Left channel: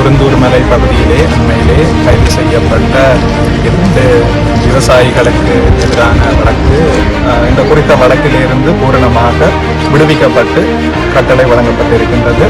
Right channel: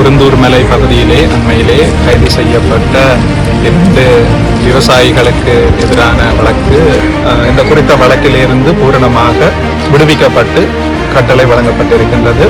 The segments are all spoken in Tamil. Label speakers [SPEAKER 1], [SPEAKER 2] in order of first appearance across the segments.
[SPEAKER 1] குருந்தூர் மலை பகுதியிலே அண்மையிலே கைது செய்யப்பட்ட இரண்டு விவசாயிகளுக்கு எதிரான வழக்கு இந்த குறித்த வழக்கிலிருந்து பூரணமாக விடுவிக்கப்பட்டு கட்டளை வழங்கப்பட்டிருக்கின்றது.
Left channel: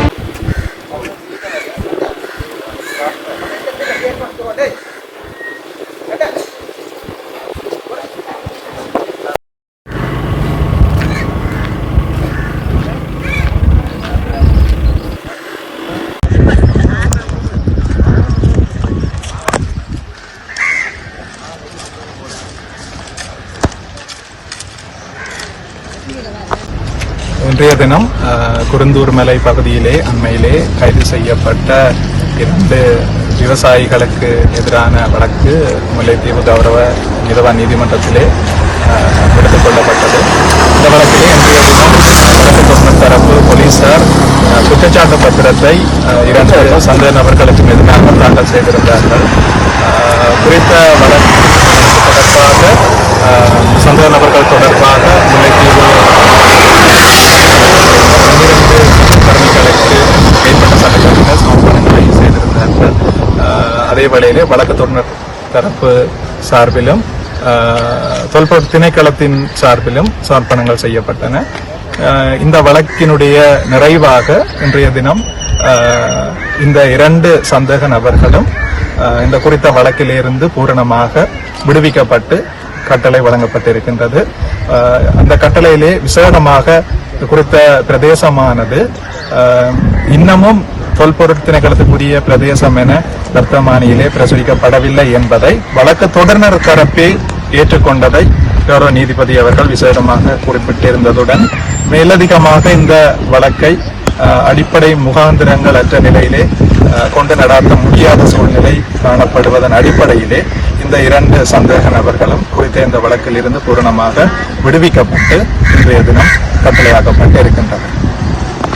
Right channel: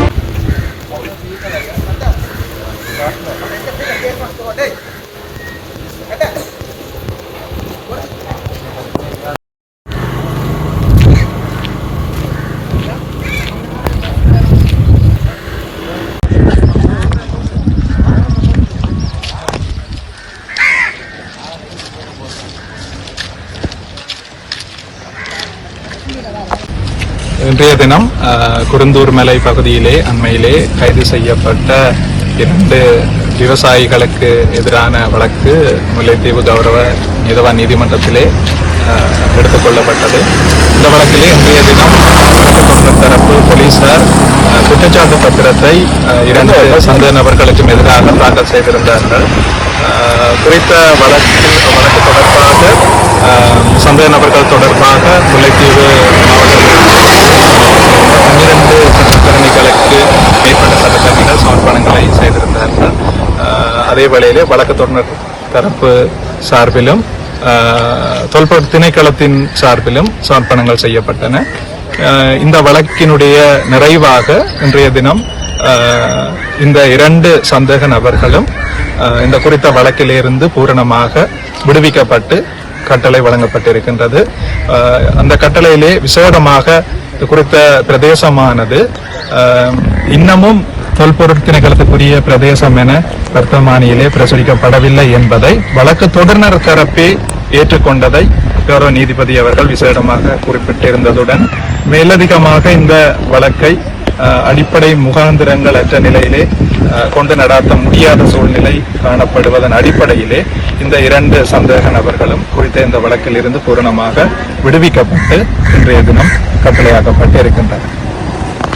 [SPEAKER 1] இன்றைய தினம் குருந்தூர் மலை பகுதியிலே அண்மையிலே கைது செய்யப்பட்ட இரண்டு விவசாயிகளுக்கு எதிரான வழக்கு முல்லைத்தீவு கௌரவ நீதவான் நீதிமன்றத்திலே எடுத்துக்கொள்ளப்பட்டது இந்த வழக்கிலே இன்றைய தினம் வழக்கு தொடர் தரப்பு போலீசார் குற்றச்சாட்டு பத்திரத்தை இரண்டு சந்தேக நபர்களுக்கும் எதிராக தாக்கல் செய்திருந்தார்கள் குறித்த வழக்கில் வழக்கு தொடர்பாக சந்தேக நபர்கள் தொடர்பாக முல்லை மேற்பட்ட சமர்ப்பணங்களை செய்திருந்தார்கள். அதே வேளையிலே வழக்கு தொடர் தரப்பு சார்பிலும் தொல்பொருள் திணைக்களத்தின் சார்பிலும் சமர்ப்பணங்கள் செய்யப்பட்டன. இந்த வழக்கினுடைய நிறைவாக இன்றைய தினம் இந்த இரண்டு சந்தேக நபர்களும் இந்த குறித்த வழக்கிலிருந்து பூரணமாக விடுவிக்கப்பட்டு கட்டளை வழங்கப்பட்டிருக்கின்றது. அந்த கட்டளையிலே விசேடமாக குறித்த பிரதேசமானது. இன்னமும் தொல்பொருள் திணைக்களத்துக்குரிய பிரதேசம் என வர்த்தமானியிலே பிரசுரிக்கப்படவில்லை என்பதை வழக்கு தொடர்னர் தரப்பே ஏற்றுக்கொண்டதை கௌரவ நீதிபதி அவர்கள் விசேடமாக குறிப்பிட்டிருந்ததுடன் மேலதிகமாக இந்த வழக்கை அடிப்படை முகாந்திரங்கள் அற்ற நிலையிலே கொண்டு நடாத்த முடியாத சூழ்நிலை காணப்படுவதன் அடிப்படையிலே இந்த இரண்டு சந்தேக நபர்களும் குறித்த இந்த வழக்கில் இருந்து பூரணமாக விடுவிக்கப்பட்டு இன்றைய தினம் கட்டளையாக்கப்பட்டு இருக்கின்றனர்